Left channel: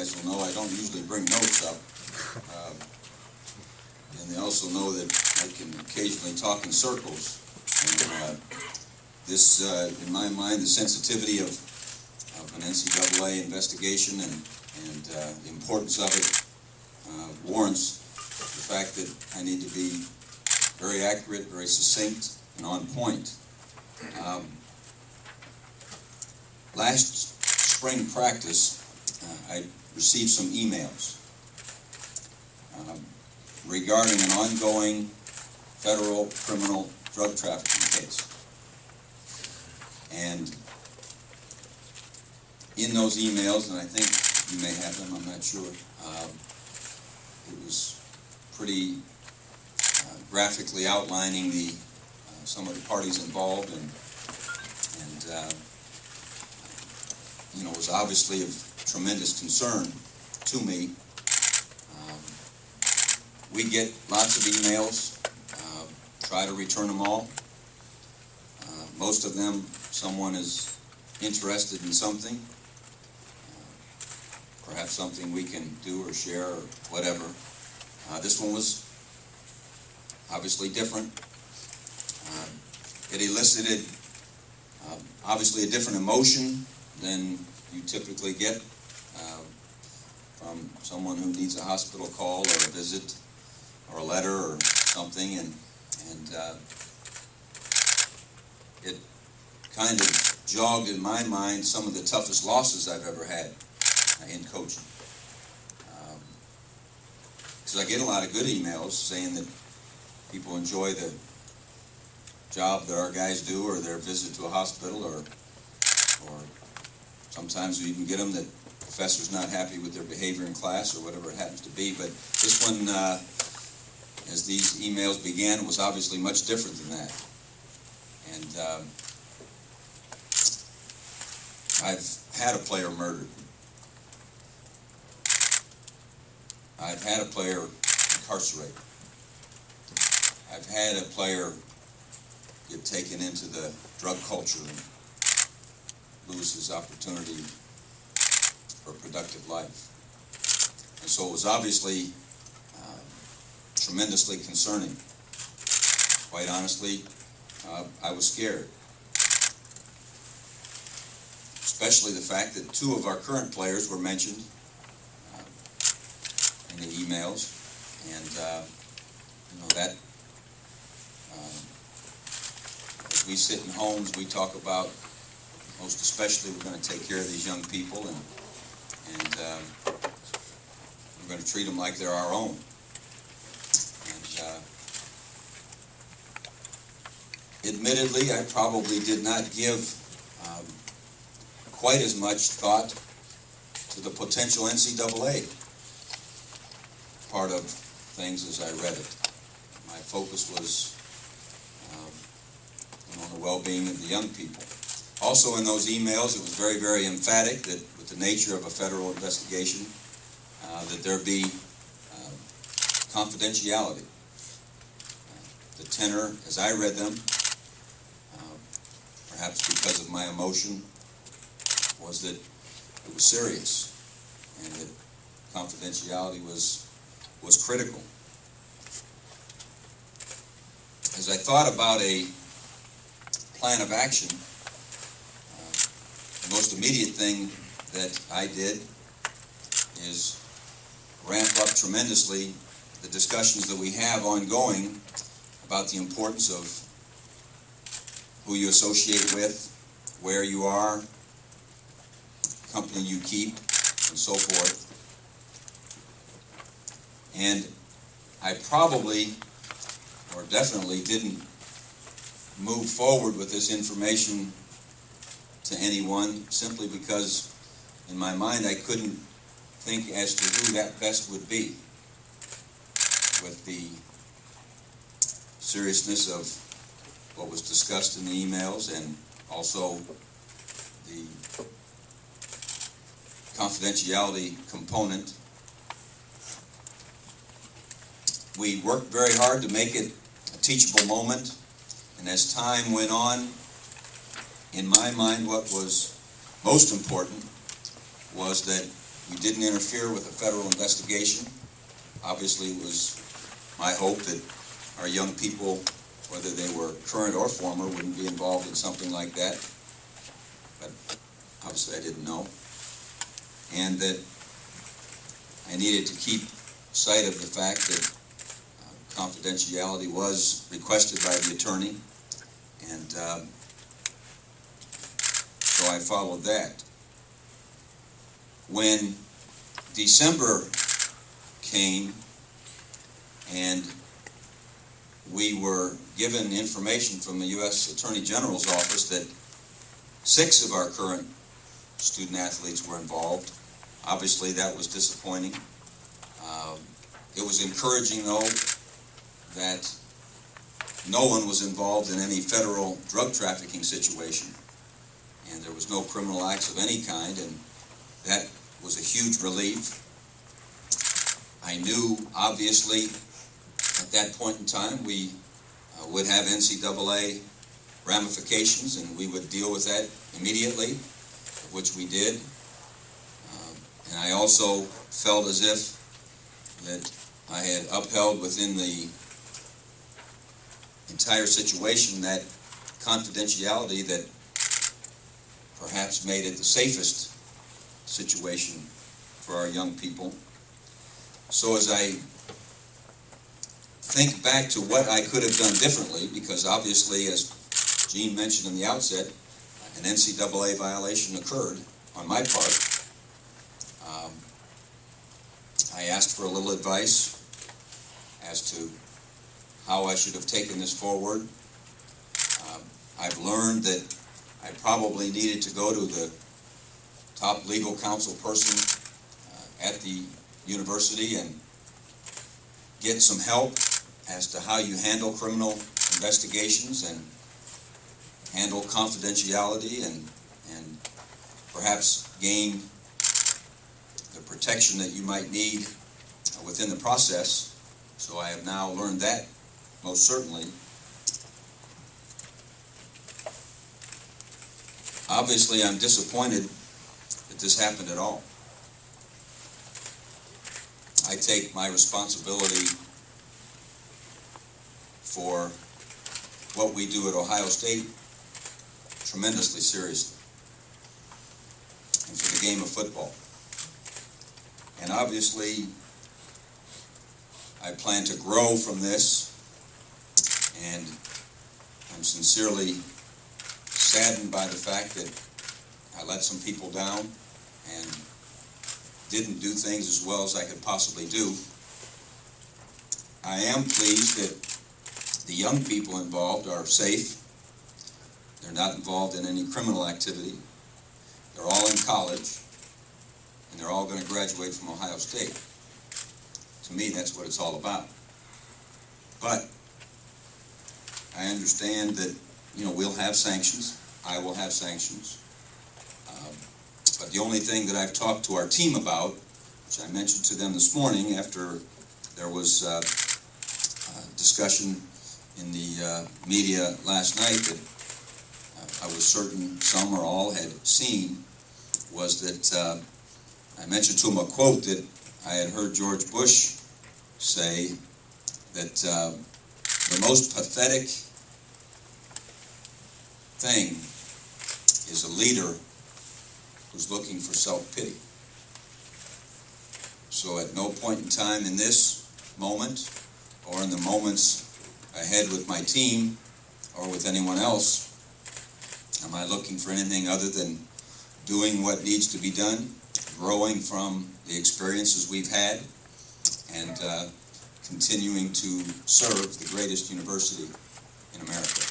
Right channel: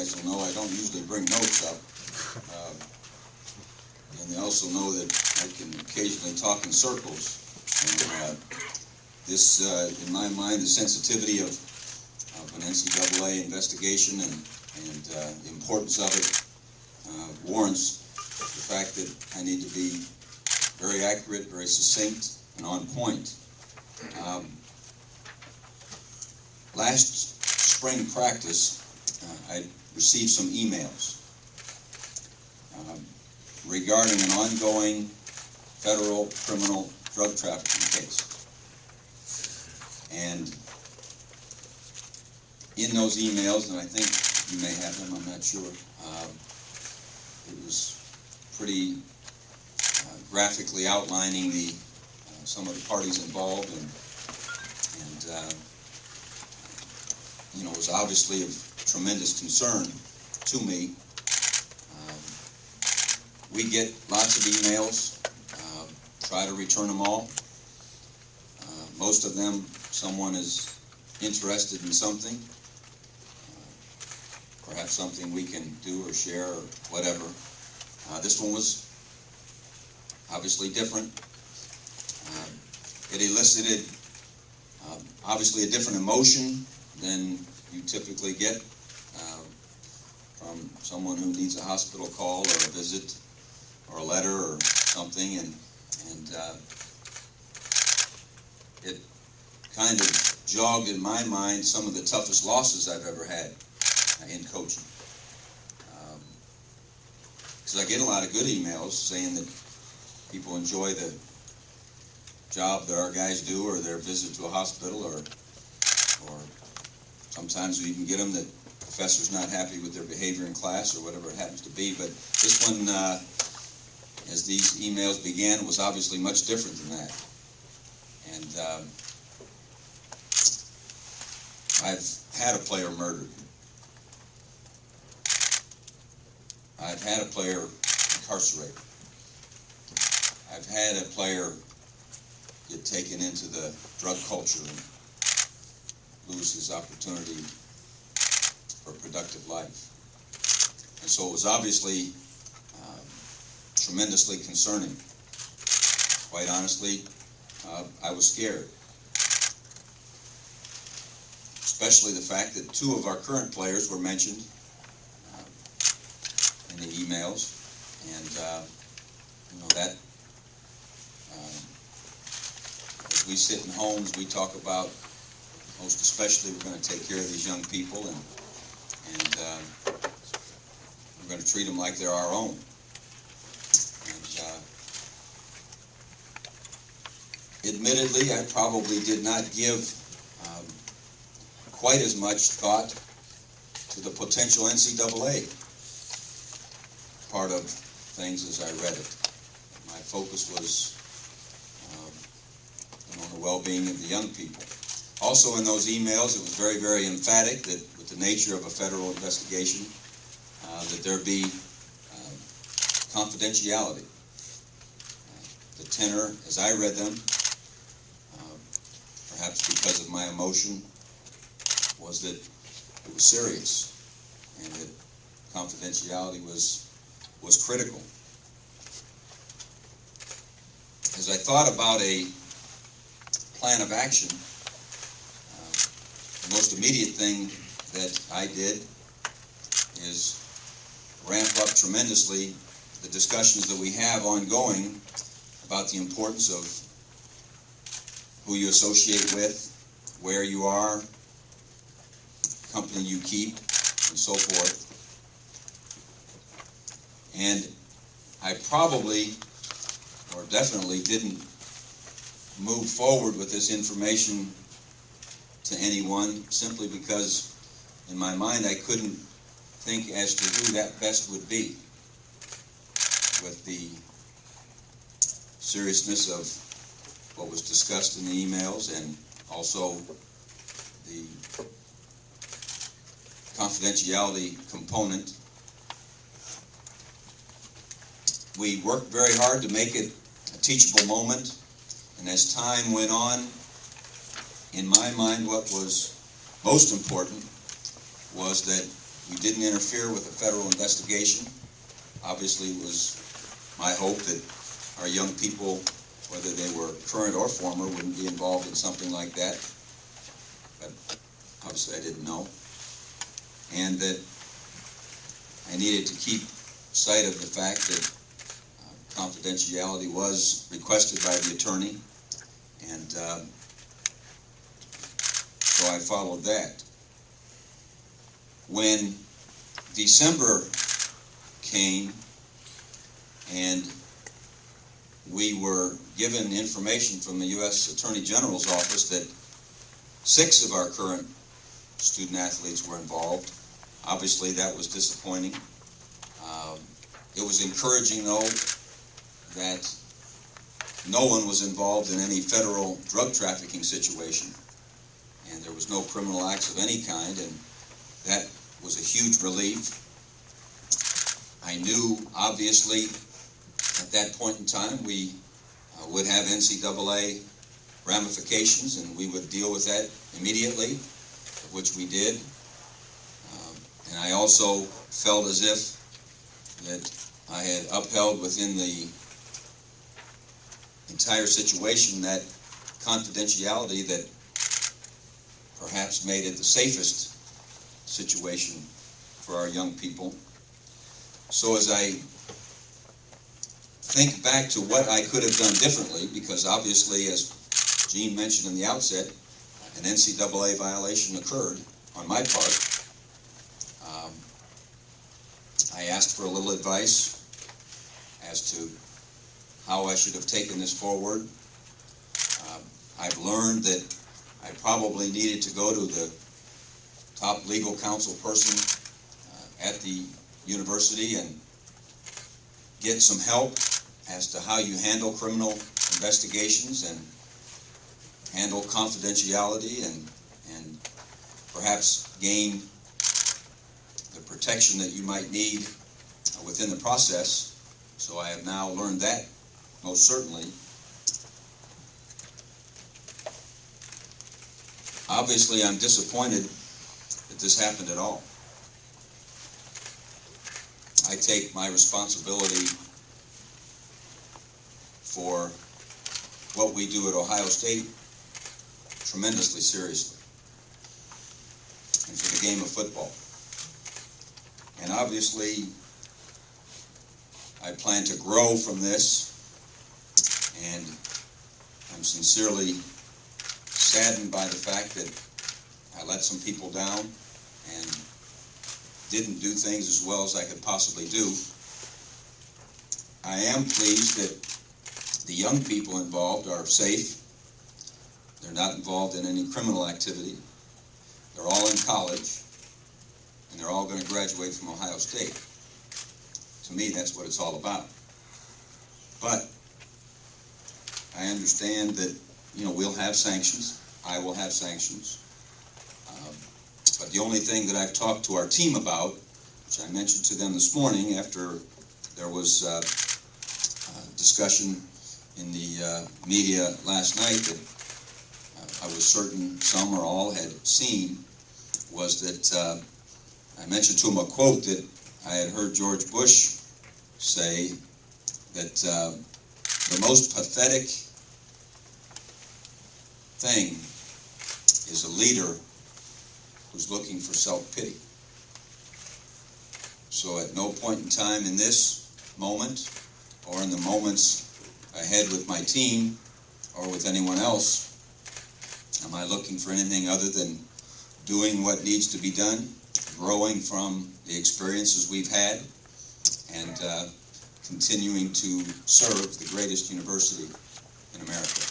guys will know I don't usually bring notes up. And they also know that I can occasionally talk in circles. And this, in my mind, the sensitivity of an NCAA investigation and the importance of it warrants the fact that I need to be very accurate, very succinct, and on point. Last spring practice, I received some emails regarding an ongoing federal criminal drug trafficking case. And in those emails, and I think you may have them, I'm not sure, it was pretty graphically outlining the some of the parties involved, and you know, was obviously of tremendous concern to me. We get lots of emails, try to return them all. Most of them, someone is interested in something, perhaps something we can do or share or whatever. This one was obviously different. It elicited obviously a different emotion than you typically get from someone who needs a hospital call or a visit or a letter or something, and it kind of jogged in my mind some of the toughest losses I've ever had in coaching. Because I get a lot of good emails saying that people enjoy the job that our guys do, or their visit to a hospital, or sometimes we even get them that the professor's not happy with their behavior in class or whatever it happens to be. But this one, as these emails began, was obviously much different than that. And I've had a player murdered. I've had a player incarcerated. I've had a player get taken into the drug culture and lose his opportunity for a productive life. And so it was obviously tremendously concerning. Quite honestly, I was scared. Especially the fact that two of our current players were mentioned in the emails, and you know, that as we sit in homes, we talk about, most especially, we're going to take care of these young people, and we're going to treat them like they're our own. And admittedly, I probably did not give quite as much thought to the potential NCAA part of things as I read it. My focus was on the well-being of the young people. Also in those emails, it was very, very emphatic that with the nature of a federal investigation, that there be confidentiality. The tenor, as I read them, perhaps because of my emotion, was that it was serious and that confidentiality was critical. As I thought about a plan of action, the most immediate thing that I did is ramp up tremendously the discussions that we have ongoing about the importance of who you associate with, where you are, company you keep, and so forth. And I probably, or definitely, didn't move forward with this information to anyone simply because in my mind I couldn't think as to who that best would be with the seriousness of what was discussed in the emails and also the confidentiality component. We worked very hard to make it a teachable moment, and as time went on, in my mind, what was most important was that We didn't interfere with a federal investigation. Obviously, it was my hope that our young people, whether they were current or former, wouldn't be involved in something like that. But obviously I didn't know. And that I needed to keep sight of the fact that confidentiality was requested by the attorney, and so I followed that. When December came and we were given information from the U.S. Attorney General's office that 6 of our current student athletes were involved, obviously that was disappointing. It was encouraging, though, that no one was involved in any federal drug trafficking situation, and there was no criminal acts of any kind, and that was a huge relief. I knew, obviously, at that point in time, we would have NCAA ramifications, and we would deal with that immediately, which we did. And I also felt as if that I had upheld within the entire situation that confidentiality that perhaps made it the safest situation for our young people. So as I think back to what I could have done differently, because obviously, as Gene mentioned in the outset, an NCAA violation occurred on my part. I asked for a little advice as to how I should have taken this forward. I've learned that I probably needed to go to the top legal counsel person at the university and get some help as to how you handle criminal investigations and handle confidentiality and perhaps gain the protection that you might need within the process. So I have now learned that, most certainly. Obviously, I'm disappointed that this happened at all. I take my responsibility for what we do at Ohio State tremendously seriously, and for the game of football. And obviously, I plan to grow from this, and I'm sincerely saddened by the fact that I let some people down and didn't do things as well as I could possibly do. I am pleased that the young people involved are safe. They're not involved in any criminal activity. They're all in college, and they're all going to graduate from Ohio State. To me, that's what it's all about. But I understand that, we'll have sanctions. I will have sanctions. But the only thing that I've talked to our team about, which I mentioned to them this morning after there was discussion in the media last night that I was certain some or all had seen, was that I mentioned to them a quote that I had heard George Bush say, that the most pathetic thing is a leader who's looking for self-pity. So at no point in time in this moment, or in the moments ahead with my team, or with anyone else, am I looking for anything other than doing what needs to be done, growing from the experiences we've had, and continuing to serve the greatest university in America.